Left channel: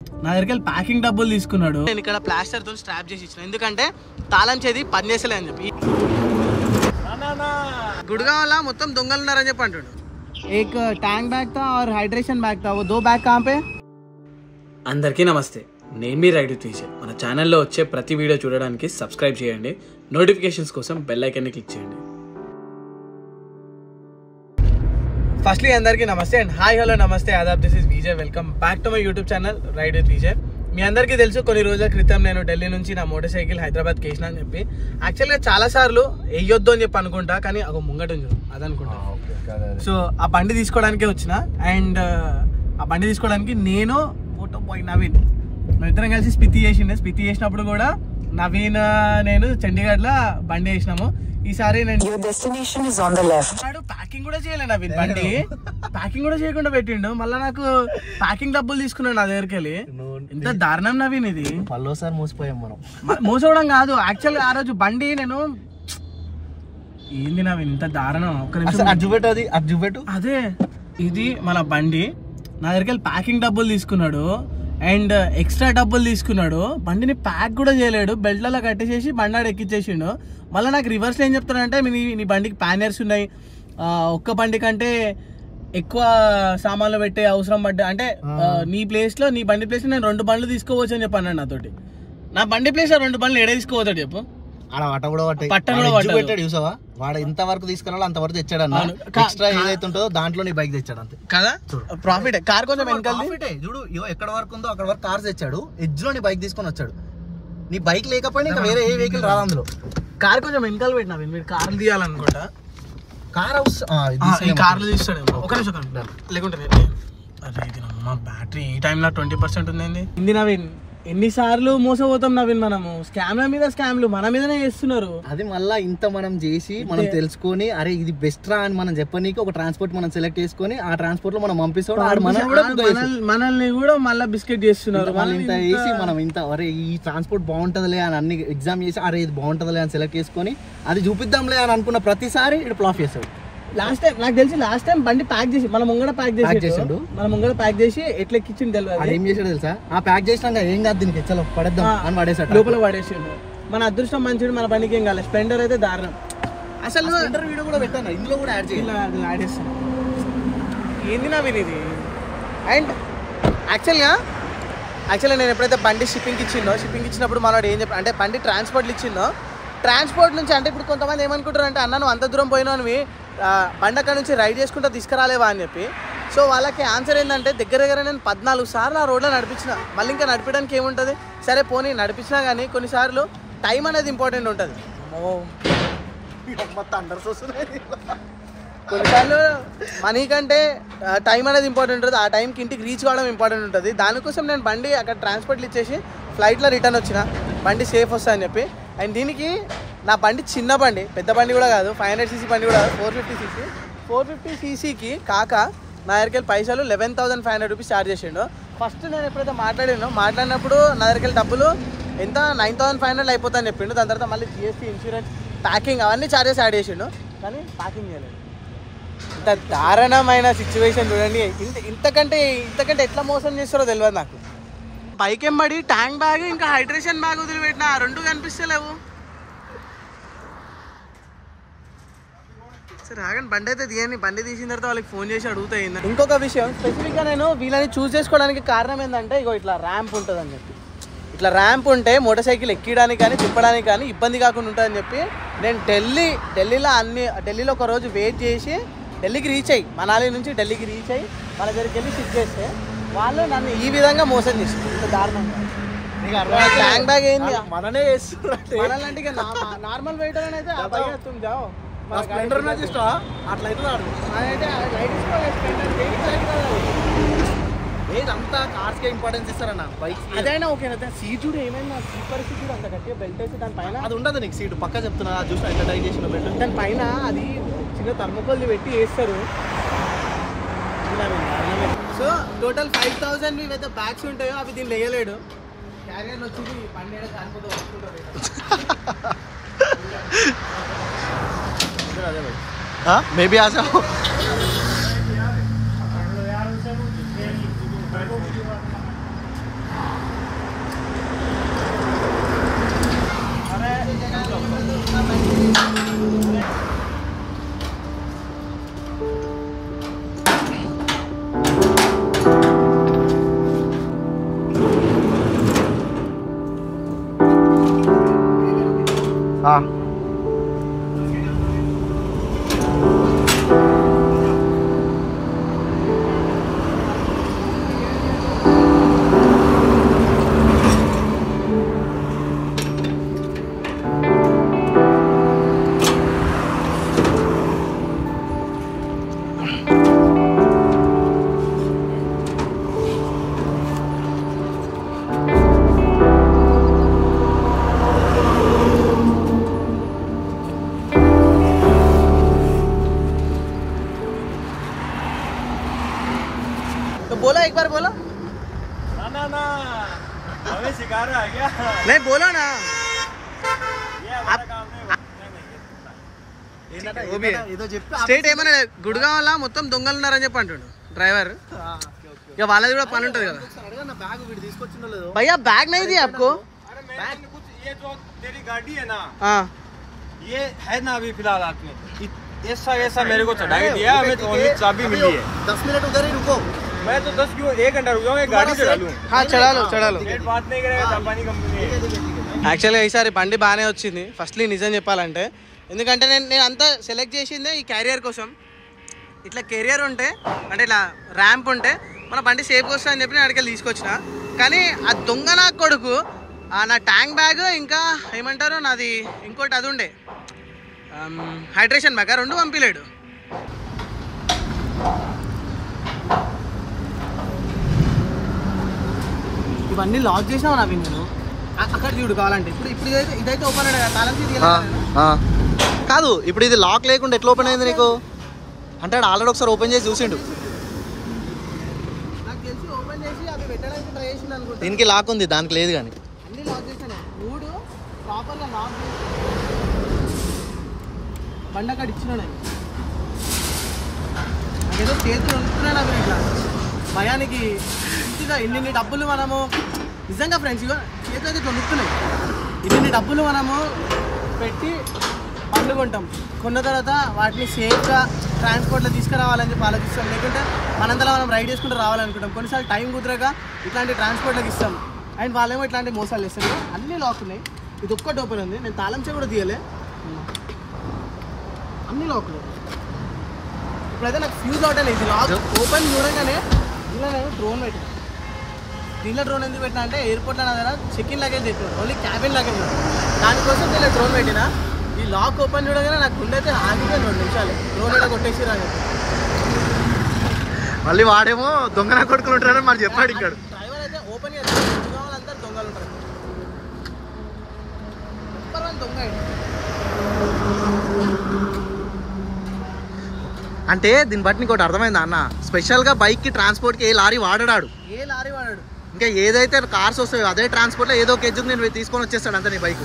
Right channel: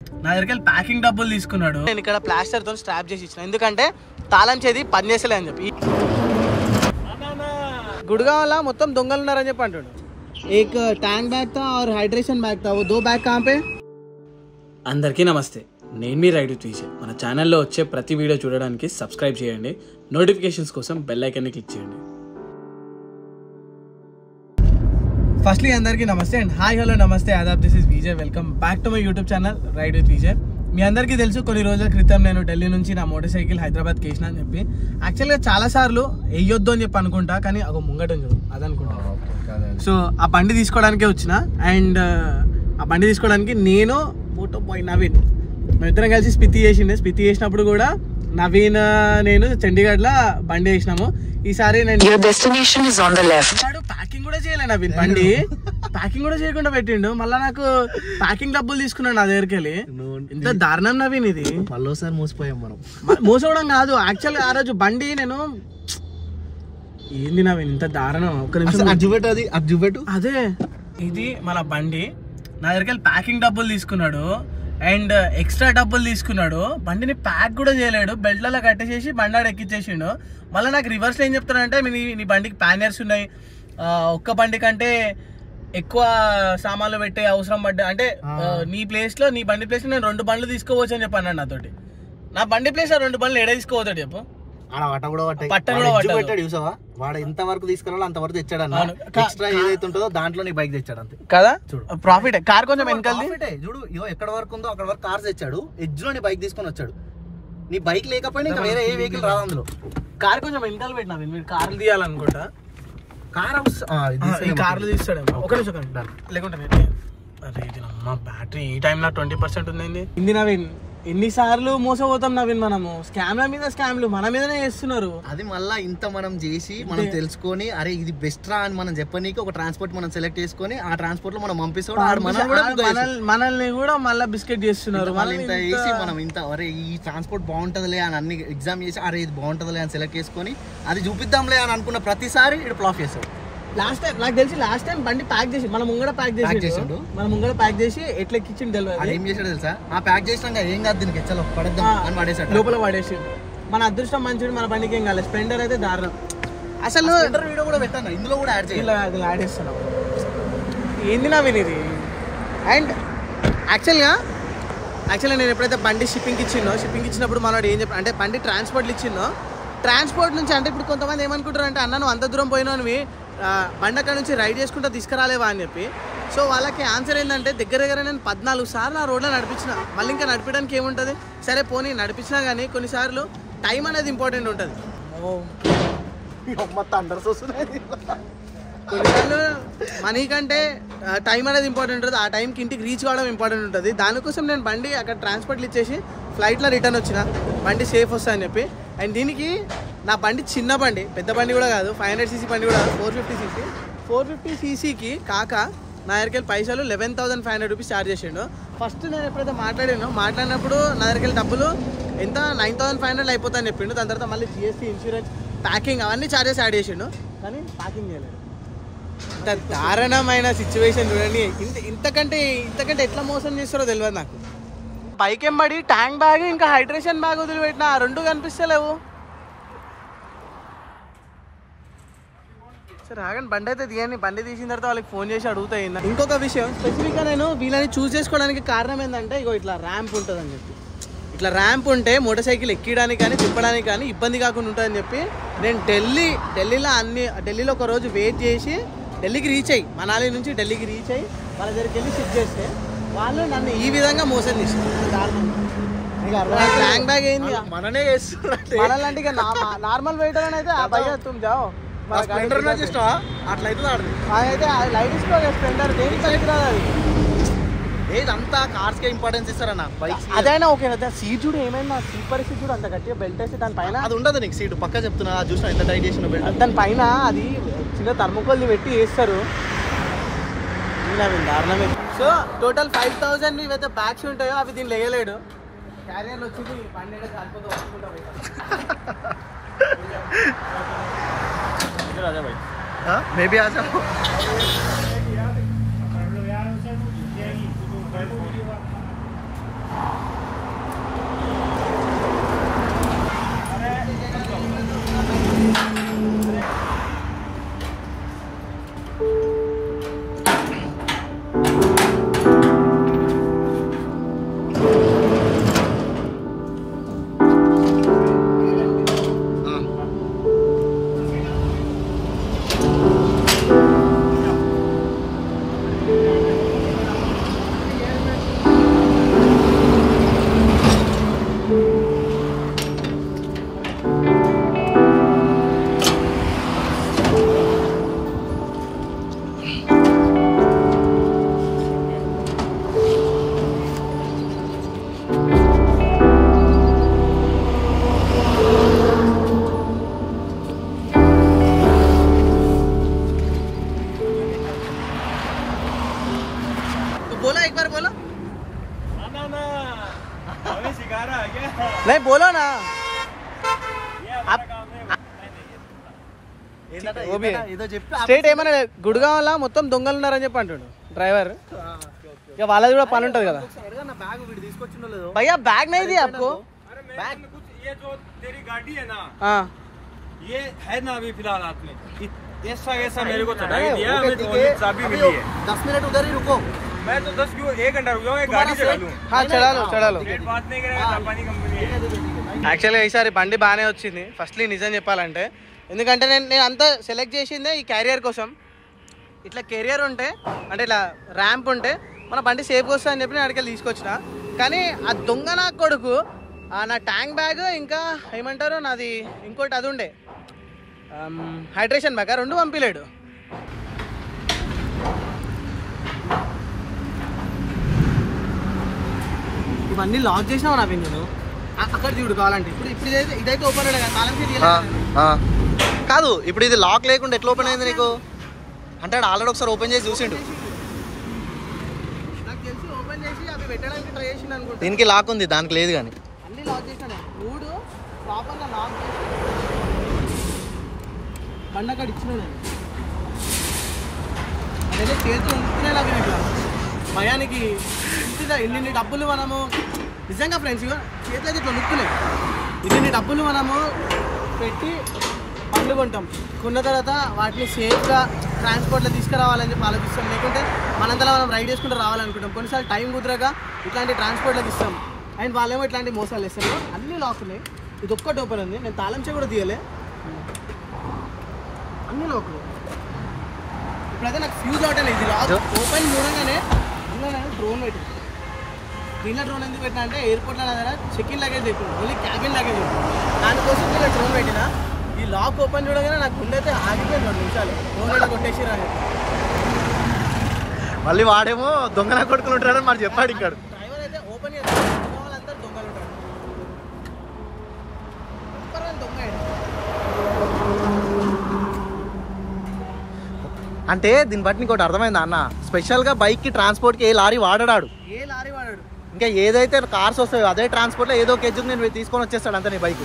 నా దగ్గరికి వెళ్ళి ప్యాకింగ్ డబ్బులు తీసుకున్నాడు. నేను ఇక్కడ ప్లాస్టర్ తో స్ట్రాప్ చేసి ఇచ్చిన, ఎందుకంటే తాళం చేది పని చేసలే అని చెప్పి. గుడిగావల మొత్తం దొంగలు ఉన్నారని చెప్పి అంటాడు. ఏక్ ట్యాంక్ బ్యాగ్ తా और हाइड्रेशन बैग था, वो 2 बैग कहाँ पे? అందరికీ నమస్తే, నేను మీ రైడ్ తీసే. మన ఛానల్లో వచ్చే ప్రతి వీడియో చూడడానికి సబ్స్క్రైబ్ చేయండి, నోటిఫికేషన్స్ కోసం బెల్ ఐకాన్ని క్లిక్ చేయండి. ఫస్ట్లీ అందరికీ నమస్తే అండ్ హాయ్ హలో నమస్తే ఆదాబ్, this is Vijay. Welcome back to my YouTube channel ride with Vijay. మీ అందరికీ తెలుసు, కొన్ని రోజుల క్రితం నేను ఢిల్లీ నుంచి నా మోటార్ సైకిల్ హైదరాబాద్కి వేసిన అని చెప్పి. యాక్చువల్గా చాలా సార్లు వేయొద్దు అని చెప్పి అనుకుంటా, కానీ ఒక ముంగట అది అనుకుంటా. సో ఆ బండి తీసుకోవడానికే వచ్చిన. అండ్ ఆ బండి తీసుకోవడానికి నేను మోటో బాయ్ నవీన్ మేమిద్దరం కలిసి స్పితి చేసినప్పుడు కూడా నవీన్ నేను చండీగఢ్లో బండి వేసినాము. ఈసారి నేను ప్యాకింగ్ కూడా చేయలే నవీన్, బండి ప్యాకింగ్ కూడా చేయకుండా పెట్టిండు. మళ్ళీ నాకు ప్యాకింగ్ డబ్బులు తీసుకున్నాడు నా దగ్గరికి వెళ్ళి. ఎంత దారుణం నవీన్ ఇది. మళ్ళీసారి మోసపోయాం మనం. మోసవడం కాదు, యాక్చువల్గా ఆ రోజు బండి నేను ఏంది నవీన్ ఇంత దారుణం. ఒక్క నిమిషం అదే ఇది మన బండి. నా దగ్గరికి వెళ్ళి ప్యాకింగ్ డబ్బులు తీసుకున్నాడు అండ్ ఎక్స్ట్రా డబ్బులు తీసుకున్నాడు. బండిని ప్యాక్ కూడా చేయలేడు, బెల్ట్లలో కట్టేసేసి బండి ఆడ ఎక్కించేసిండు. మళ్ళీ నాకు రివర్స్లో ఏం చెప్తానంటే, నీ బండికి ప్యానర్స్ ఉన్నాయి, ఒక్క బండి కంటే ఎక్కువ సామాన్లు పెట్టే అవసరం పడ్డా అంటే నీ ప్లేస్లో నీ బండి ప్లేస్లో నేను 2 బండ్లు తీసుకోవచ్చు అని చెప్పాను నాతోటి. నా బండి ప్లేస్లో 2 బండ్లు ఎడ తీసుకోవచ్చాడు చెప్పు. పట్టం కూడా పట్టాడు చూసావా, వాడు ఎంత వరకు తీసుకురాలో అంతవరకు తెచ్చాడు అన్న. ఎక్స్ట్రా ఏదైతే ఉంటుందో దాంట్లో నీ బైక్ తెచ్చాడు అంతే కదా. ప్రాఫిట్ కార్ కొంచెం ప్రాఫిటే చూడు, ఎక్కడ వరకు ఉందో అక్కడ వరకు కార్స్ తెచ్చాడు, ఎడ్జ్ లో నీ బైక్ తీసుకొని వచ్చాడు. నీ బైక్ లేకపోయినా వేరే ఏ వెహికల్ రాదు అందులో. కార్ కొంచెం వెనకాల పెట్టినా, మీరు కార్లు తీయాలనుకుంటా. కార్ ఈ కార్లు తీస్తాడేమో. ఒక నిమిషం లేకుంటే అరే ఇది అమ్మ బ్యాటరీ ఈ టైంలో 20% ఉంది. ఇంది నవీన్, ఎన్నిసార్లు మోసపోతాం నవీన్ మనము. స్కామ్ల మీద స్కామ్లు మన మీదనే చేస్తున్నారు. అది మళ్ళీ ఇంత మనం చేసి మనం తెలుసుకొని అరే ఇది బెస్ట్ రా అని మనం చెప్పనీకి ఒక ట్రాన్స్పోర్ట్ మనం సెలెక్ట్ చేసుకొని ఆ ట్రాన్స్పోర్ట్ లో మనం పంపిస్తాడు. మనల్ని కూడా మళ్ళీ బిస్కెట్ చేస్తున్నారు. మళ్ళీ ఇంత వేసి మనం ఇంత అరే ఈ ట్రాన్స్పోర్ట్ బాగుంటదిలే అని అన్ని ఎగ్జామ్ చేసి అరే ఇది బాగుంటదిలే అని సెలెక్ట్ చేసుకొని అది చూపిద్దాంలే అని అనుకున్న ప్రతిసారి ఇక్కడ ఫ్లాప్ చేస్తాడు. లాస్ట్ టైం నాకు తెలిసి బండి ప్యాక్ చేసి మన ముంగడ ప్యాక్ చేసి ఎట్లా ఎక్కించింది తెలియదు. ఏం చేసాడు తెలుసా, ఆ ప్యాక్ చేసినాక ఏం కాదు దీనికి చలో పడద్దాం అని పడేసాడు, లోపల పడేసిండు. మన అదృష్టం మంచిది, మన బండికి ఏం కాలేదు. స్ప్లెండర్ అయితే దారుణం. అసలు వీడియో కూడా పెట్టాను, ఇందులో కూడా యాడ్ చేస్తున్నాం. ఏంది నా వినేది. అండ్ యాక్చువల్గా నేను ఎప్పుడైతే బండి షిప్పింగ్ ఇచ్చినప్పుడు మనోడు ఏం చెప్పాడు అంటే, బండి ట్రాన్స్పోర్ట్లు ఇచ్చిందో ట్రాన్స్పోర్ట్ నుంచి అంటే ఇప్పుడు కొంతమంది ఏమనుకుంటారు అంటే, అన్న నువ్వు అంత దూరం పోయినావు బండి అక్కడ నుంచి రైడ్ చేసుకుంటూ తీసుకురాలేవా అని చెప్పి. సో వాళ్ళకి ఆన్సర్ ఏంటంటే, దగ్గర నేను 14 సార్లు ఆ రోడ్లో నడిపించిన. మళ్ళీ ఇంకా నడిపించడానికి ఏముంటుంది, సరే పోనీ నడిపించినా కానీ కొన్నిసార్లు టైం అనేది ఇంపార్టెంట్ ఉంటుంది. కొన్నిసార్లు మనీ కంటే టైం అనేది ఇంపార్టెంట్ ఉంటుంది. ఆ టైంకి ఇంటికి రీచ్ కావడం ఇంపార్టెంట్ ఉంటుంది. దానికోసం నేను బండి అక్కడ ట్రాన్స్పోర్ట్లు ఇచ్చేసి ఫ్లైట్లో రిటర్న్ వచ్చిన, బండి సేఫ్ వస్తా అని చెప్పి. అండ్ దీనికి నా బండి చిన్న బండి, పెద్ద బండి కూడా కాదు, 500cc బండి కూడా కాదు, 450cc కాక నా దగ్గరికి వెళ్ళి పైసలు 11,500 రూపీస్ ఛార్జ్ చేసిండు. ఫస్ట్ నేను ఎప్పుడైతే మాట్లాడినప్పుడు నా దగ్గరికి వెళ్ళి డబ్బులు ఎంత 9,500 అయిపోతాయని చెప్పిండు. దాని తర్వాత మళ్ళీ GST, ఇన్సూరెన్స్, ప్యాకింగ్ అవన్నీ ఛార్జెస్ యాడ్ చేసిండు, కానీ ప్యాకింగ్ చేయలేదు. ఇంత దారుణమైన సిచ్యువేషన్ చూడండి. ఇంతకంటే ఎట్లా మోసం చేస్తారో తెలియదు నాకు. బైక్ ఎంబడి ట్యాంక్ బ్యాగ్ ఇంకా హైడ్రేషన్ బ్యాగ్ వదిలిపెట్టిన, ఆ 2 కనిపిస్తలేవు. సరే ఆగండి, బండి అయితే తీయండి. బండి తీసిన తర్వాత వాళ్ళకి ఫోన్ చేసి అడుగుతాయి. ఇంకొక విషయం, స్పెసిఫిక్గా నేను వీళ్ళని చూస్ చేసుకోవడానికి కారణం ఏంటంటే, ఇట్లా ర్యాంప్ ఉంటుంది అని చెప్పి. ఇట్లా ర్యాంప్ ఉంటే మోటార్ సైకిల్ ఎక్కడానికి కానీ తిప్పడానికి కానీ ఇబ్బంది కాకుండా ఉంటుందని చెప్పి నేను ఢిల్లీలో ఒక రోజు వెయిట్ చేసి ఢిల్లీకి రీచ్ అయ్యి, మనాలి నుంచి ఢిల్లీకి రీచ్ అయ్యి వాళ్ళ దగ్గరికి వెళ్ళి షిఫ్ట్ చేస్తే వాళ్ళు నన్ను ఈ విధంగా మోసం చేశారు. ఇంత దారుణంగా ట్యాంక్ బ్యాగ్ ఏంది మననే చేస్తున్నట్టు. మనలాంటి నార్మల్ వెయిటర్ అని అయితే తుమ్ జాओ అట్లయితే అయితే లైట్ ఇసుకో స్ప్లెండర్ దేనికి రాదు. అది అంతా కార్స్ కే ఇంపార్టెన్స్ ఇస్తారన్న బైక్స్. అదైనా ఓకే, సీట్ చూడు ఏమైనా, సీట్ పరిస్థితి చూడు అంత గట్టిగా బెల్ట్ వేసి దానిపైన అది ఉండదు నీకు సీటు పక్క చెప్తున్నా, చూసినా ఎంత టైట్ చేసిన బెల్ట్. దానిపైన అది చిన్న థర్మోకోల్ది పెట్టి వేస్తారు. దారుణమే. సో టోటల్ 5,000 ఇవైతే బ్యాగ్స్ ఉంటాయో అవి దీన్ని లేయలేడు. క్యారియర్లు వచ్చి బండి కాలిపోతే వస్తుంటారు. అదే భాయ్ మేబీ ఆశా बोलो एक बार बोलो ना हमें सिखा रहा है क्या? नहीं बोलो ना आप वो भी है స్టేట్ ఏమన్నా గుడిగావలా మొత్తం దొంగలు ఉన్నారని చెప్పి అంటుండు డ్రైవర్ ఇక వాళ్ళది కూడా పని ఉంటుంది కదా भैया बैग नहीं दिया आपको ये जो तेरी गाड़ी है ना हाँ ये है ना अभी फिलहाल हाथ में ऐसा मेरे को चढ़ा दिया हमें तो ओनली चाबी मिली है 10 मिनट उधर ही रुको मैं तो 10 क्यों 1 घंटा रुक जाऊंगा गाड़ी चढ़ा लूं हाँ चढ़ा लो बात नहीं करेगा जापानी कंपनी है యాక్చువల్గా ఈసారి బండి బాగానే వచ్చింది ఫస్ట్లీ నిజం చెప్పాలంటే ఎందుకంటే నేను అంతా సెలెక్ట్ చేసిందే ఈ క్యారియర్ కోసం ఇట్లా కెరియర్ ఉంటే అంటే ఇట్లా ర్యాంప్ ఉంటే మన బండి సేఫ్గా వస్తుంది అని చెప్పి నేను అడిగి తీసుకొచ్చిన కానీ ఆ దొంగ నా కొడుకు నా ట్యాంక్ బ్యాగ్ ఇంకా ఏమంటారు నాది ఇంకోటి అది ఉండే హైడ్రేషన్ బ్యాగ్ రెండు పంపించలేడు ఇవన్నీ లాక్ చేసినావు నా నేను అక్కడ చూడు కావాలంటే ఇప్పుడు ఇదైతే ఓపెన్ అయ్యా తాళం కాదు ఇప్పుడు ఇది లాక్ లేకుండా ఎట్లా ఓపెన్ అయింది నీకు అంటే ఆల్రెడీ ఒకసారి ఓపెన్ చేసి చూసిండు నాకు తెలిసి ఓపెన్ చేసి అవి పెట్టడానికి ట్రై చేసిండు అనుకుంటా దీనికి లాక్ ఉంది దానికి లేదు కానీ అన్ని లాక్ చేసాను మూడు ప్రాపర్గా లాక్ చేసి బండి అక్కడ ఇచ్చిన నేను అదేదో చేతులు వస్తున్నాడు అవి ఇట్లా భయానికి ఇన్ని డబ్బులు మనము నిజంగా ఫ్రెండ్స్ చేతులు అయితే ఇట్లా నొక్కున్నాయి ఇన్ని డబ్బులు మనము పెట్టి బండ్లు కొంటాం కొన్న తర్వాత వాటిని సేఫ్గా ట్రాన్స్పోర్ట్లో తీసుకురావాలని చెప్పి ఆలోచిస్తాం లేకుంటే మనంతలో మనం రైడ్ చేసుకుంటూ రావాలనుకుంటాం కొన్నిసార్లు టైం కుదరక ఇట్లాంటి ట్రాన్స్పోర్ట్లోకి ఇస్తాం అండ్ వాళ్ళేమో ఇట్లాంటి మోసాలు వేస్తారు అన్నీ లాక్ ఉన్నాయి ఇది ఒక్కటి ఓపెన్ ఉంది నేను తాళం చెవి కూడా తీయలే అన్ని లాక్లు ఇప్పుడైతే నాకు ఫ్యూజ్ అవుట్ అనేది ఇది లాక్ ఓపెన్ చూడగానే దీనిలో నేను డ్రోన్ పెట్టిన దీనిలో డ్రోన్ ఎందుకు పెట్టినా అంటే ఎయిర్పోర్ట్లో నా దగ్గర చెక్ ఇన్ లగేజ్ పెట్టిన ఓన్లీ క్యాబిన్ లగేజ్ ఉంటుంది దానికోసం నేను డ్రోన్ పెట్టిన ఈ లాక్ ఓపెన్ చూడగానే నాకు గుండె అయితే ఆగిపోయింది 2 నిమిషాలు డ్రోన్ అయితే కొట్టేసిరా అని మళ్ళీ వాడేమో దొంగన కొడుకులు ఉంటాడని మరి చెప్పాడు ఇక్కడ డ్రైవర్ అయితే ఓపెన్ చేస్తాడు వాళ్ళందరూ దొంగలు ఉంటారు చెప్పరు వాళ్ళు దొంగ అంటే దీన్ని బట్టి నీకు ఒకటి అర్థమైందా అన్న స్పెషల్గా బైక్కి ట్రాన్స్పోర్ట్కి ఏ లారీ వాడాడు ఇంకా ఏదైతే కార్స్ వస్తాయో అదే ట్రాన్స్పోర్ట్లో ఏదో కేజీకి నేను తీసుకొని వచ్చేస్తాడు అంతే నీ బైక్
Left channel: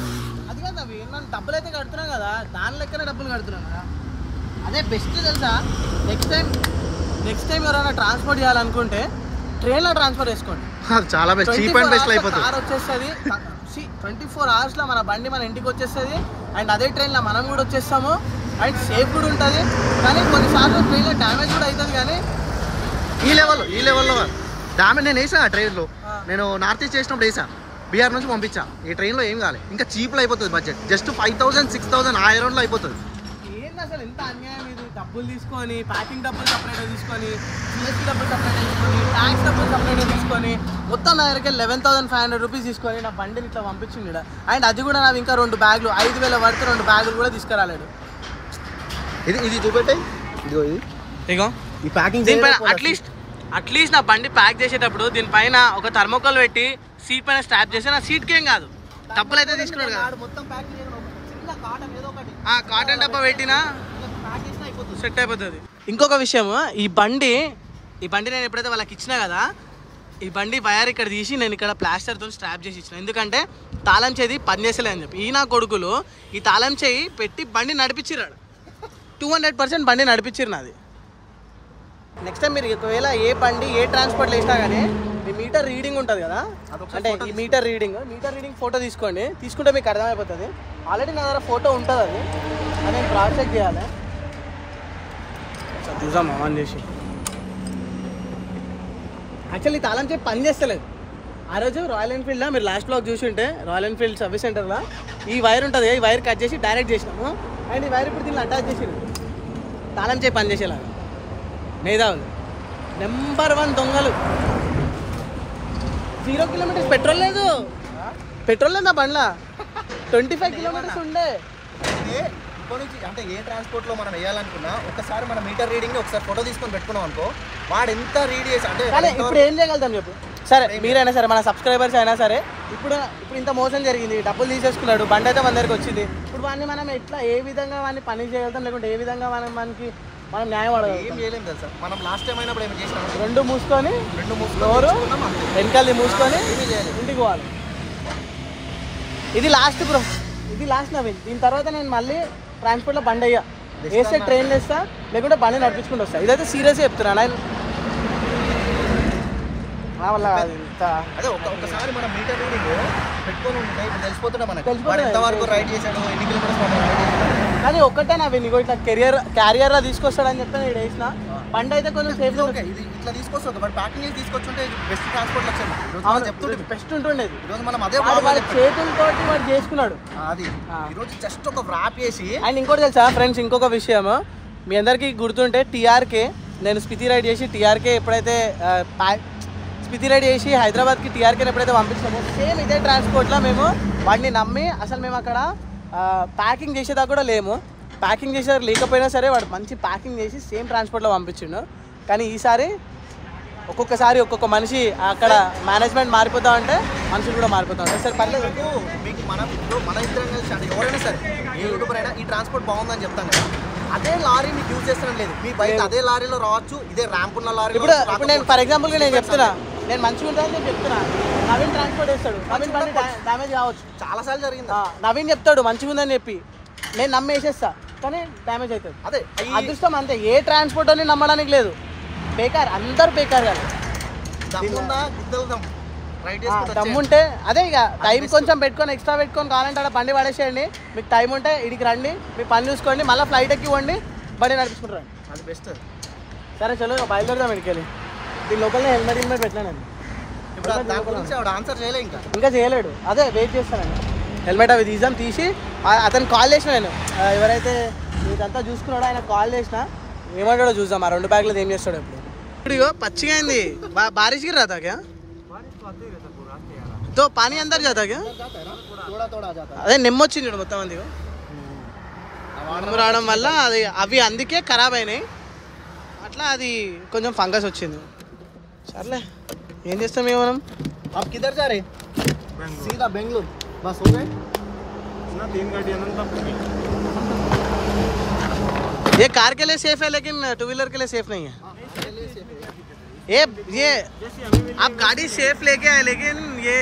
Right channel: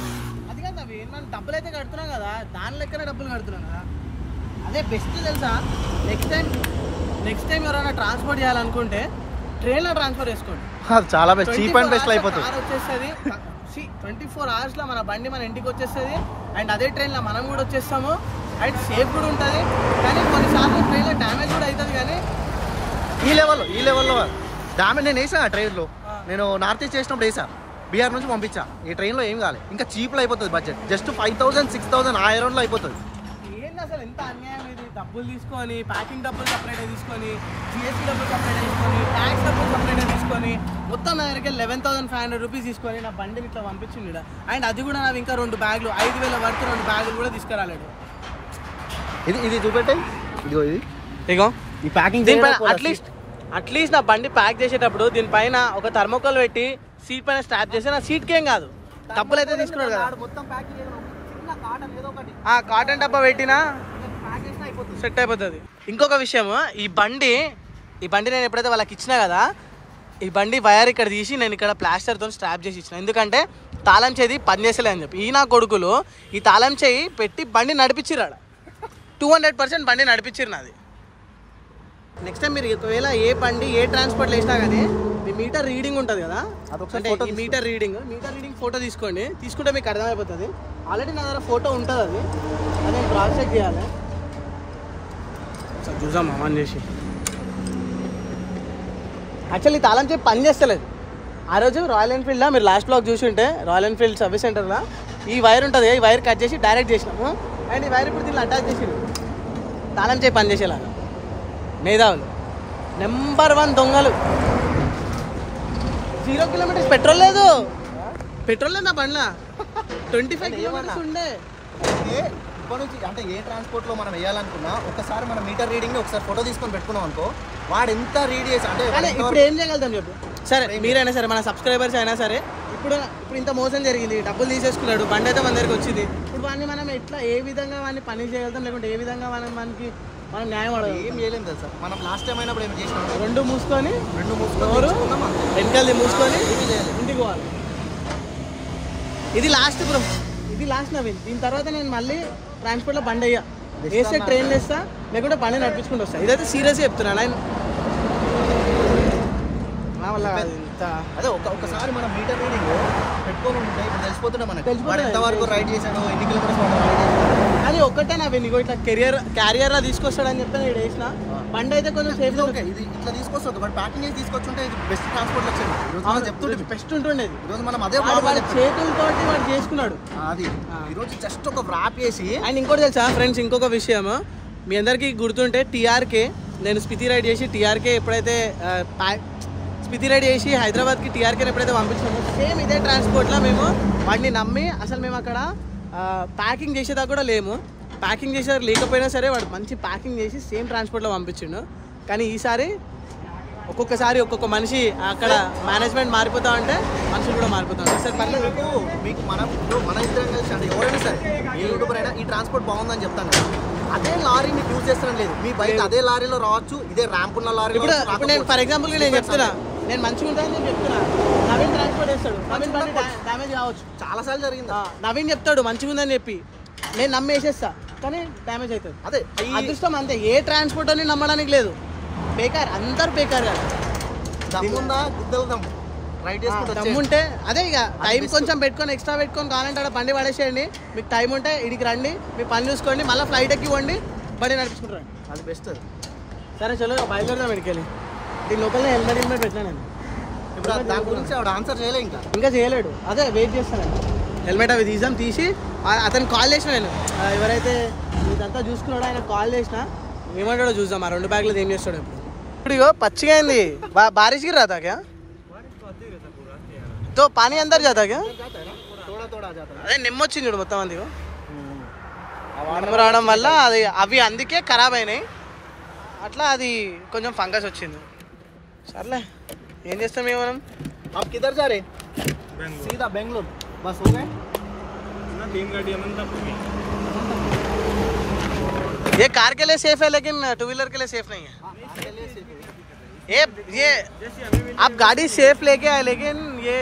అది కదా మనం డబ్బులు అయితే కడుతున్నాం కదా దాని లెక్కనే డబ్బులు కడుతున్నాం కదా అదే బెస్ట్ తెలుసా నెక్స్ట్ టైం ఎవరైనా ట్రాన్స్పోర్ట్ చేయాలనుకుంటే ట్రైన్లో ట్రాన్స్ఫర్ చేసుకోండి చాలా బెస్ట్ చీప్ అండ్ బెస్ట్ అయిపోతుంది కార్ వచ్చేస్తుంది 24 hours మన బండి మన ఇంటికి వచ్చేస్తుంది అండ్ అదే ట్రైన్లో మనం కూడా వచ్చేస్తాము అండ్ సేఫ్ కూడా ఉంటుంది కానీ కొన్నిసార్లు ట్రైన్లో డ్యామేజ్ కూడా అవుతుంది కానీ ఈ లెవెల్లో డ్యామేజ్ నేను వేసా ట్రైన్లో నేను నార్త్ ఈస్ట్ చేసినప్పుడు వేసా బీహార్ నుంచి పంపించా ఈ ట్రైన్లో ఏం కావాలి ఇంకా చీప్లో అయిపోతుంది బడ్జెట్ జస్ట్ 5,000 6,000 ఆ అరౌండ్లో అయిపోతుంది ఏంది అసలు ఎంత అన్యాయం ఇది డబ్బులు తీసుకొని ప్యాకింగ్ డబ్బులు సపరేట్గా తీసుకొని జిఎస్టీ డబ్బులు సపరేట్గా తీసుకొని ట్యాక్స్ డబ్బులు సపరేట్గా తీసుకొని మొత్తం నా దగ్గరికి 11,500 రూపీస్ తీసుకొని నా బండిని ఇట్లా పంపించింది ఇక్కడ అండ్ అది కూడా నాకు ఇంకా 2 బ్యాగులు 5,000 పడితే 2 బ్యాగులు కూడా తీసుకురాలేడు ఇది చూపెట్టే ఇదిగో ఇగో ఈ ప్యాకింగ్ దీనిపైన అట్లీస్ట్ నా బండి ప్యాక్ చేసేటప్పుడు దీనిపైన ఒక థర్మోకోల్ పెట్టి సీట్ పైన స్టాప్ చేస్తే నా సీట్కి ఏం కాదు డబ్బులు అయితే తీసుకున్నాడు కదా కాటన్ డబ్బా పెట్టినా సెట్ అయిపోతుంది ఇంకొక విషయం ఈ బండి నేను ఎప్పుడైతే వాళ్ళకి ఇచ్చినా కదా ఈ బండి వైర్ ఇక్కడ తీసి నేను ఇక్కడ ప్లాస్టర్తో స్ట్రాప్ చేసి ఇచ్చిన ఎందుకంటే తాళం చేయి పనిచేసలే అని చెప్పి ఈ నా కొడుకులు ఈ తాళం చేయి పెట్టి బండి నడిపించిరాడు 200% బండి నడిపించారు నాది నెక్స్ట్ టైం మీరు ఒకవేళ ఏ బండి ఏ ట్రాన్స్పోర్ట్లో వేసినా కానీ మీ మీటర్ రీడింగ్ ఉంటుంది కదా అంటే ఈ మీటర్ రీడింగ్ ఫోటో తీసుకుంటే మీకు అర్థమైపోతుంది ఆల్రెడీ నా దగ్గర ఫోటో ఉంటుంది అది నేను క్రాస్ చెక్ చేయాలి సార్ చూద్దాం ఆన్ చేసి యాక్చువల్లీ తాళం చెప్పి పని చేస్తలేదు ఆ రోజు రాయల్ ఎన్ఫీల్డ్లో మీరు లాస్ట్ బ్లాగ్ చూసి ఉంటే రాయల్ ఎన్ఫీల్డ్ సర్వీస్ సెంటర్లో ఈ వైర్ ఉంటుంది, ఈ వైర్ కట్ చేసి డైరెక్ట్ చేసినాము. అండ్ ఈ వైర్ ఇప్పుడు దీన్ని అటాచ్ చేసిరు తాళం చేయి పనిచేసేలాగా. మేధావులు నెంబర్ 1 దొంగలు. 0 కిలోమీటర్స్ పెట్రోల్ లేదు నా బండ్లా. 25 కిలోమీటర్స్ ఉండే. ఇప్పటి నుంచి అంటే ఏ ట్రాన్స్పోర్ట్లో మనం వేయాలనుకున్నా ఒకసారి మన మీటర్ రీడింగ్ ఒకసారి ఫోటో తీసుకొని పెట్టుకున్నాం అనుకో, వాడు ఎంత రీడ్ చేసి అంటే ఇప్పుడు ఏం చేయగలుగుతాం చెప్పు. సరే మీరైనా సరే మన సబ్స్క్రైబర్స్ అయినా సరే ఇప్పుడు ఇంత మోసం జరిగింది, డబ్బులు తీసేసుకున్నాడు, బండి అయితే మన దగ్గరికి వచ్చింది. ఇప్పుడు వాడిని మనం ఎట్లా ఏ విధంగా వాడిని పని చేయగలుగుతాం, లేకుంటే ఏ విధంగా మనం న్యాయం అడగలుగుతాం? ఏం చేయలేము తెలుసా. మనం లాస్ట్ టైం అయినప్పుడు ఏమి చేసినాం, రెండు మూసుకొని వెనకాల మూసుకొని ఇంటికి పోవాలి. ఇది లాస్ట్ బ్రో, ఇది లాస్ట్ నవీన్. దీని తర్వాత నేను మళ్ళీ ట్రాన్స్పోర్ట్లో బండి అయ్యా, వేస్తే ట్రైన్లు వేస్తా, లేకుంటే బండి నడిపించుకుంటూ వస్తా. ఇదైతే సీరియస్గా చెప్తున్నా. అదే ఒకసారి మనం మీటర్ రీడింగ్ పెట్టుకొని ఉంటే ఇప్పుడు తెలిసిపోతుంటే మనకి ఎంతవరకు రైడ్ చేశాడు, ఎన్ని కిలోమీటర్స్ మనం రైడ్ చేశాడు. కానీ ఒక్కటే నా ఇగో ఇట్లా క్యారియర్లా తీసుకొస్తాడని చెప్పి నేను వేసిన బండి అయితే కొంచెం సేఫ్. ఇది ఇట్లా తీసుకొస్తుంది, బట్ ప్యాకింగ్ చేసి తీసుకొచ్చుంటే ఇది బెస్ట్ ట్రాన్స్పోర్ట్ వచ్చింది. చెప్తుండే బెస్ట్ ఉంటుండేది. ఈరోజు మనం అదే చేతులతోటి వాడు చేసుకున్నాడు. అది ఈరోజు జస్ట్ ఒక వ్రాప్ చేసి. అండ్ ఇంకోటి తెలుసా ఫ్రెండ్స్, ఇంకొక విషయం మీ అందరికీ గుర్తుంటే టీఆర్కే నేను స్పితి రైడ్ చేసి టీఆర్కే ఎప్పుడైతే స్పితి రైడ్ చేసి హైదరాబాద్కి టీఆర్కేని ఎప్పుడైతే పంపించామో సేమ్ ఇదే ట్రాన్స్పోర్ట్లో మేము వాడిని నమ్మి అసలు మేము అక్కడ ప్యాకింగ్ చేసేదాకా కూడా లేము. ప్యాకింగ్ చేసేదాకా లేకపోయినా సరే వాడు మంచి ప్యాకింగ్ చేసి సేమ్ ట్రాన్స్పోర్ట్లో పంపించిండు. కానీ ఈసారి ఒక్కొక్కసారి ఒక్కొక్క మనిషి అక్కడ మేనేజ్మెంట్ మారిపోతా ఉంటే మనుషులు కూడా మారిపోతా ఉంటారు. సరే పర్లేదు, మీకు మన ఇద్దరం కలిసి అంటే ఎవరైనా సరే ఏ యూట్యూబర్ అయినా ఈ ట్రాన్స్పోర్ట్ బాగుందని చెప్తాం కదా, అదే లారీ మీకు యూజ్ చేస్తడం లేదు. మీ బైక్ అదే లారీలో రావచ్చు, ఇదే ర్యాంప్ ఉన్న లారీ. ఇప్పుడు నేను ఫర్ ఎగ్జాంపుల్గా నేను చెప్తున్నా, నేను మంచిగా ఉంటానని చెప్పి చెప్తున్నా, నవీన్ ట్రాన్స్పోర్ట్ వేస్తాడు, నవీన్ బండి డ్యామేజ్ కావచ్చు, చాలాసార్లు జరిగింది. నవీన్ చెప్తాడు మంచిగా ఉందని చెప్పి నేను నమ్మేసేస్తా, కానీ డ్యామేజ్ అవుతుంది. అదే అదృష్టం అంతే. ఏ ట్రాన్స్పోర్ట్ అని నమ్మడానికి లేదు. బేకార్, అందరూ బేకార్ కాదు. దమ్ముంటే అదే ఇక టైం కొంచెం పెట్టుకొని ఎక్స్ట్రా పెట్టుకొని కావాలంటే అక్కడ బండి పడేసేయండి. మీకు టైం ఉంటే ఇడికి రండి, మీ పని చూసుకోండి, మళ్ళీ ఫ్లైట్ ఎక్కి ఇవ్వండి, బండి నడిపించుకుంటారు. అది బెస్ట్. సరే చలో బయలుదేరదాం ఇడికెళ్ళి. దీని లోపల హెల్మెట్ పెట్టినా నేను. ఇప్పుడు ఆన్సర్ చేయలే, ఇంకా చేయలేడు. అదే వెయిట్ చేస్తాను నేను. హెల్మెట్ అవి తీసి అతను కాల్ చేసిన నేను, ఎవరైతే ఇదంతా చూసుకున్నాడో ఆయన కాల్ చేసిన, ఏమంటాడో చూద్దాం. ఆ 2 బ్యాగ్లో ఏం చేస్తాడో. ఇప్పుడు ఇగో పచ్చిగా అయింది. బారిష్ గిర్ రాతా క్యా తో పానీ అందరు జాతా క్యా? అదే నెమ్మొచ్చింది చూడు మొత్తం మంది. నెమ్ము రావడం వల్ల అవి అందుకే ఖరాబ్ అయినాయి. అట్లా అది కొంచెం ఫంగస్ వచ్చింది. సర్లే ఏం చేస్తాం ఇక మనం. బెంగళూరు బస్ हो गए ना, 3 गाड़ी अनंतपुर में. ये कार के लिए सेफ है लेकिन 2 व्हीलर के लिए सेफ नहीं है. ये आप गाड़ी सेफ लेके आए, लेकिन ये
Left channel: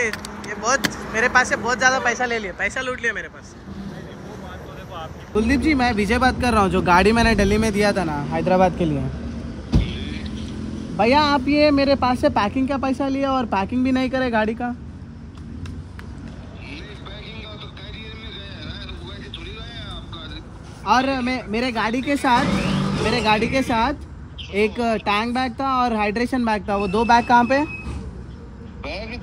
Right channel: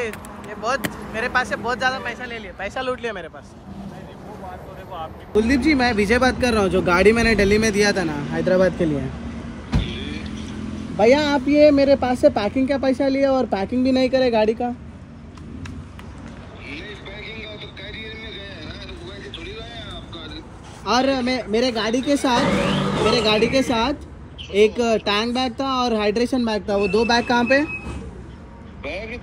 बहुत मेरे पास से बहुत ज्यादा पैसा ले लिया, पैसा लूट लिया मेरे पास. कुलदीप जी, मैं विजय बात कर रहा हूँ. जो गाड़ी मैंने दिल्ली में दिया था ना हैदराबाद के लिए, भैया आप ये मेरे पास से पैकिंग का पैसा लिया और पैकिंग भी नहीं करे गाड़ी का. और मेरे गाड़ी के साथ एक टैंक बैग था और हाइड्रेशन बैग था. वो 2 बैग कहाँ पे?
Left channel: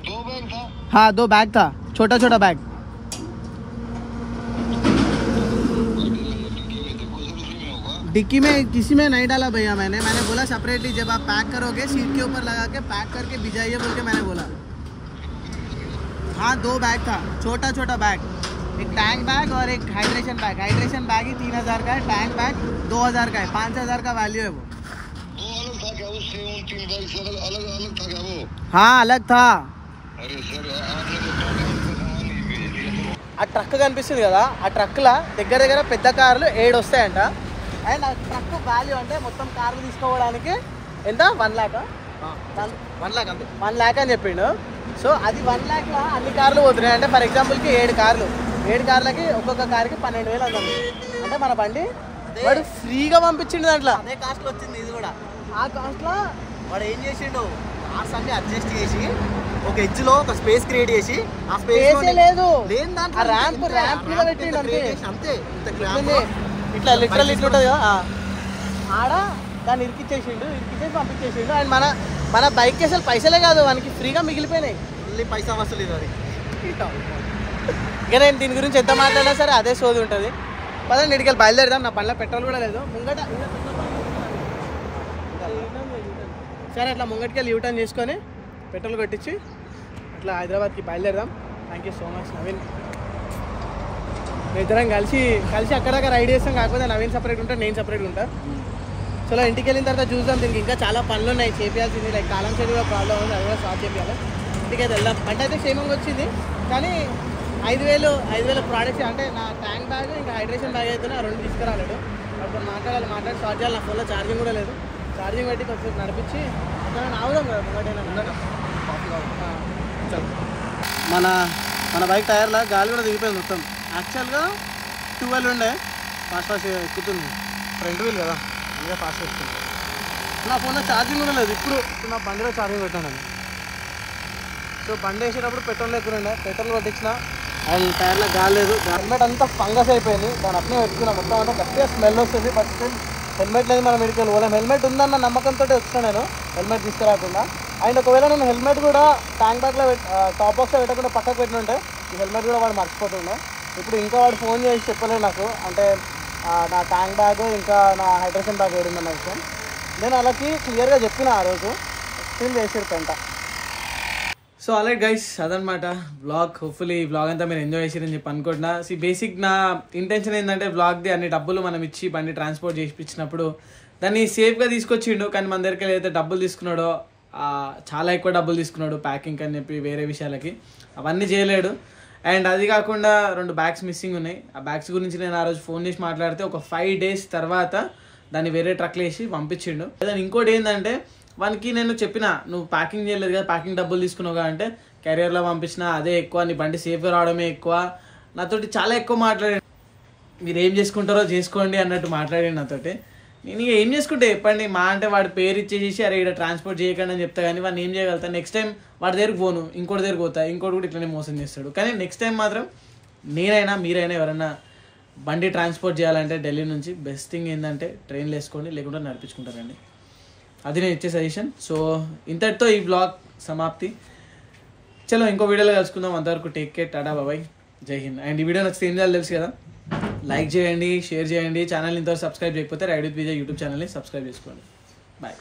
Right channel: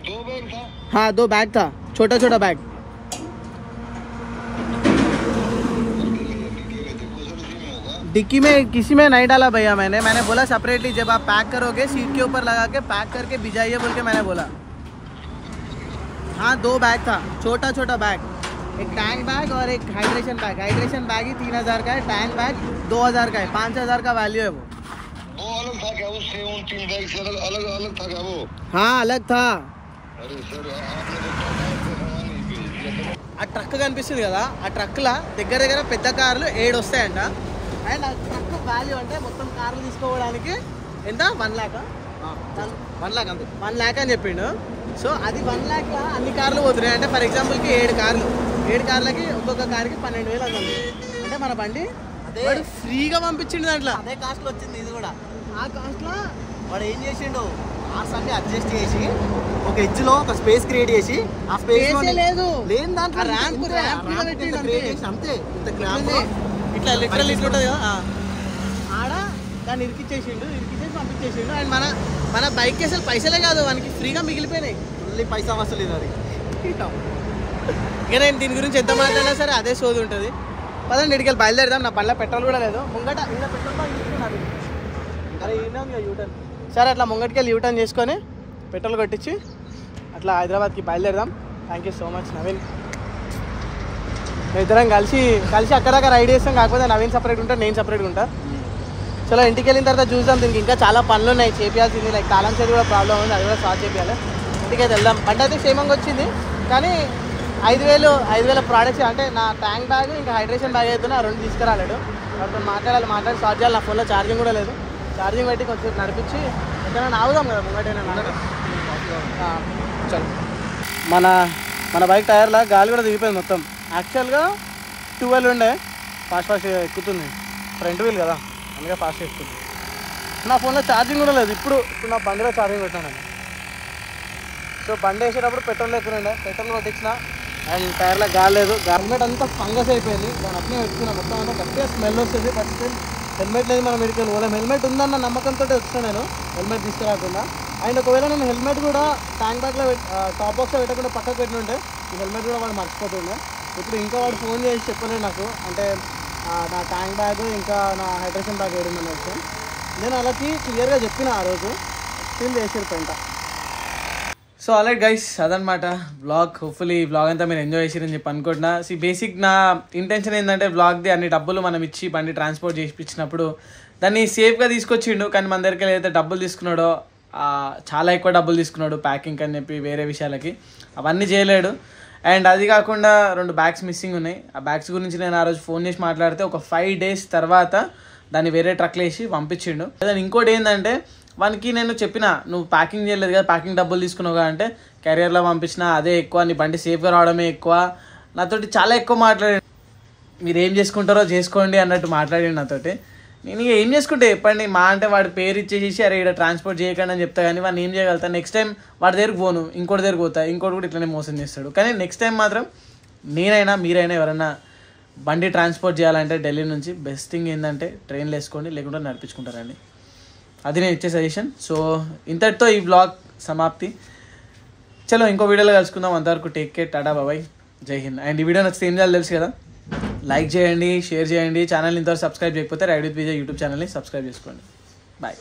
2 बैग था. हाँ 2 बैग था, छोटा बैग. डिक्की में किसी में नहीं डाला भैया. मैंने बोला सेपरेटली जब आप पैक करोगे सीट के ऊपर लगा के पैक करके भिजाइए बोल के मैंने बोला. हाँ 2 बैग था, छोटा बैग. एक टैंक बैग और एक हाइड्रेशन बैग. हाइड्रेशन बैग ही 3000 का है, टैंक बैग 2000 का है. 5000 का वैल्यू है वो. अलग था क्या? उससे 3 बैग से अलग था क्या वो? हाँ अलग था. अरे सर आपने बताया ఆ ట్రక్ కనిపిస్తుంది కదా, ఆ ట్రక్లో దగ్గర పెద్ద కార్లు 7 వస్తాయంట. అండ్ ఆ ట్రక్ వాల్యూ అంటే మొత్తం కార్లు తీసుకోవడానికి ఎంత 1 lakh అంతే. 1 lakh అని చెప్పిండు. సో అది 1 lakhలో అన్ని కార్లు పోతున్నాయి అంటే ఫర్ ఎగ్జాంపుల్కి 7 కార్లు, 7 కార్లకి ఒక్కొక్క కార్కి 12,000 అందండి. అంటే మన బండి వాడు ఫ్రీగా పంపించిండు. దాంట్లో అదే కాస్ట్లో వచ్చింది ఇది కూడా. ఆ కాస్ట్లో వాడు ఏం చేసిండు, కార్స్ అన్ని అడ్జస్ట్ చేసి ఒక ఎడ్జ్ లో ఒక స్పేస్ క్రియేట్ చేసి, ఆ స్పేస్ లేదు లేని దాంట్లో ర్యాంప్ మీద పెట్టిండు. అంతే ఇట్లా లిటరల్ ఇట్లుంటుంది కదా, ఆడ దాన్ని ఇరికిచ్చేసి పంపించేసిండు. అండ్ మన బైక్కి అసలు పైసలే కాదు, మనకి ఫ్రీగా మిగిలిపోయినాయి. మళ్ళీ పైసా వసూలు ఇది. ఇక నేను దీని గురించి ఎంత మాట్లాడినా సరే అదే సోది ఉంటుంది. పదండి ఇడికి బయలుదేరదాం. నా పనిలో పెట్రోల్ కూడా లేదు. ముంగట ఇలా యూటర్న్ సరే అట్లా ముంగటికెళ్ళి యూటర్న్ చేసుకొని పెట్రోల్ కొట్టించి అట్లా హైదరాబాద్కి బయలుదేరదాం. Thank you so much Naveen. ఇద్దరం కలిసి అక్కడక్కడ రైడ్ చేస్తాం. కాకపోతే నవీన్ సపరేట్ ఉంటా, నేను సపరేట్గా ఉంటా. చలో ఇంటికి వెళ్ళిన తర్వాత చూద్దాం. దీనికి ఇంకా చాలా పనులు ఉన్నాయి చేయాల్సింది. లైక్ తాళం చెడు కూడా ప్రాబ్లం ఉంది, అది కూడా సాల్వ్ చేయాలి. ఇంటికి అయితే వెళ్దాం. బండి అయితే క్షేమంగా వచ్చింది, కానీ 5,000 ప్రోడక్ట్స్ అంటే నా ట్యాంక్ బ్యాగ్ ఇంకా హైడ్రేషన్ బ్యాగ్ అవుతున్నా 2 తీసుకురాలేడు. అప్పుడు మాట్లాడి స్టార్ట్ చేయాలి. నా ఫోన్లో ఛార్జింగ్ కూడా లేదు. ఛార్జింగ్ పెట్టి కొంచెం నడిపించి ఎక్కడైనా ఆగుదాం కదా ముంగటైనా. మన బైక్ టైర్లో గాలి కూడా దిగిపోయింది మొత్తం. యాక్చువల్గా 12 ఉండే, ఫాస్ట్ ఎక్కుతుంది. ఫ్రంట్ వీల్ కదా, అందుకే ఫాస్ట్ ఎక్కుతుంది. నా ఫోన్లో ఛార్జింగ్ కూడా లేదు. ఇప్పుడు నా బండిలో ఛార్జింగ్ పెట్టాను. సో బండి వేసేటప్పుడు పెట్రోల్ ఎక్కువ పెట్రోల్ కొట్టించిన అండ్ టైర్లో గాలి లేదు. హెల్మెట్ అంతా ఫంగస్ అయిపోయింది. దాని అట్నే పెట్టుకున్నా. మొత్తం అంతా గట్టిగా స్మెల్ వస్తుంది. బట్ స్టిల్ హెల్మెట్ లేదు. మనం మెడికల్ పోలేం. హెల్మెట్ ఉందన్న నమ్మకంతో వచ్చాను నేను, హెల్మెట్ తీసుకురాకుండా. అండ్ ఒకవేళ నేను హెల్మెట్ కూడా ట్యాంక్ బ్యాగ్లో టాప్ బాక్స్లో పెట్టకుండా పక్కకు పెట్టినుంటే ఈ హెల్మెట్ కూడా వాడు మర్చిపోతుండే. ఇప్పుడు ఇంకా వాడు ఫోన్ చేసి చెప్పలేదు నాకు, అంటే నా ట్యాంక్ బ్యాగ్ ఇంకా నా హైడ్రేషన్ బ్యాగ్ ఏడుందన్న విషయం. నేను వాళ్ళకి క్లియర్గా చెప్పిన ఆ రోజు, స్టిల్ చేసాడు పెంట. సో ఆల్రైట్ గైస్, అదనమాట వ్లాగ్. హోప్ఫుల్లీ ఈ వ్లాగ్ అంతా మీరు ఎంజాయ్ చేసారని చెప్పి అనుకుంటున్నా. బేసిక్ నా ఇంటెన్షన్ ఏంటంటే వ్లాగ్ది అన్ని డబ్బులు మనం ఇచ్చి బండి ట్రాన్స్పోర్ట్ చేయించినప్పుడు దాన్ని సేఫ్గా తీసుకొచ్చిండు. కానీ మన దగ్గరికి ఏదైతే డబ్బులు తీసుకున్నాడో చాలా ఎక్కువ డబ్బులు తీసుకున్నాడు ప్యాకింగ్ అని చెప్పి వేరే విషయాలకి, అవన్నీ చేయలేడు. అండ్ అది కాకుండా 2 బ్యాగ్స్ మిస్సింగ్ ఉన్నాయి. ఆ బ్యాగ్స్ గురించి నేను ఆ రోజు ఫోన్ చేసి మాట్లాడితే ఒక 5 days తర్వాత దాన్ని వేరే ట్రక్లో వేసి పంపించిండు. దాని ఇంకోటి ఏంటంటే వానికి నేను చెప్పిన, నువ్వు ప్యాకింగ్ చేయలేదు కదా, ప్యాకింగ్ డబ్బులు తీసుకున్నావుగా అంటే క్యారియర్లో పంపించిన అదే ఎక్కువ, నీ బండి సేఫ్గా రావడమే ఎక్కువ. నాతోటి చాలా ఎక్కువ మాట్లాడాడు. మీరు ఏం చేసుకుంటారో చేసుకోండి అన్నట్టు మాట్లాడాడు నాతోటి. నేను ఏం చేసుకుంటే చెప్పండి, మా అంటే వాడి పేరు ఇచ్చేసి అరే ఇక్కడ ట్రాన్స్పోర్ట్ చేయకండి అని చెప్తా. కానీ వాడిని ఏం చేయగలుగుతాను. నెక్స్ట్ టైం వాడి దగ్గరికి పోను, ఇంకోటి దగ్గరికి పోతా, ఇంకోటి కూడా ఇట్లనే మోసం చేస్తాడు. కానీ నెక్స్ట్ టైం మాత్రం నేనైనా మీరైనా ఎవరైనా బండి ట్రాన్స్పోర్ట్ చేయాలంటే ఢిల్లీ నుంచి బెస్ట్ థింగ్ ఏంటంటే ట్రైన్లు వేసుకోండి, లేకుంటే నడిపించుకుంటారండి. అది నేను ఇచ్చే సజెషన్. సో ఇంతటితో ఈ వ్లాగ్ సమాప్తి. చలో ఇంకో వీడియోలో కలుసుకుందాం. అంతవరకు టేక్ కేర్, టాటా బాబాయ్, జై హింద్. అండ్ ఈ వీడియో నచ్చితే ఏం చేయాలి తెలుసు కదా, లైక్ చేయండి, షేర్ చేయండి. ఛానల్ ఇంతవరకు సబ్స్క్రైబ్ చేయకపోతే రైడ్ విత్ విజయ్ యూట్యూబ్ ఛానల్ని సబ్స్క్రైబ్ చేసుకోండి. బాయ్.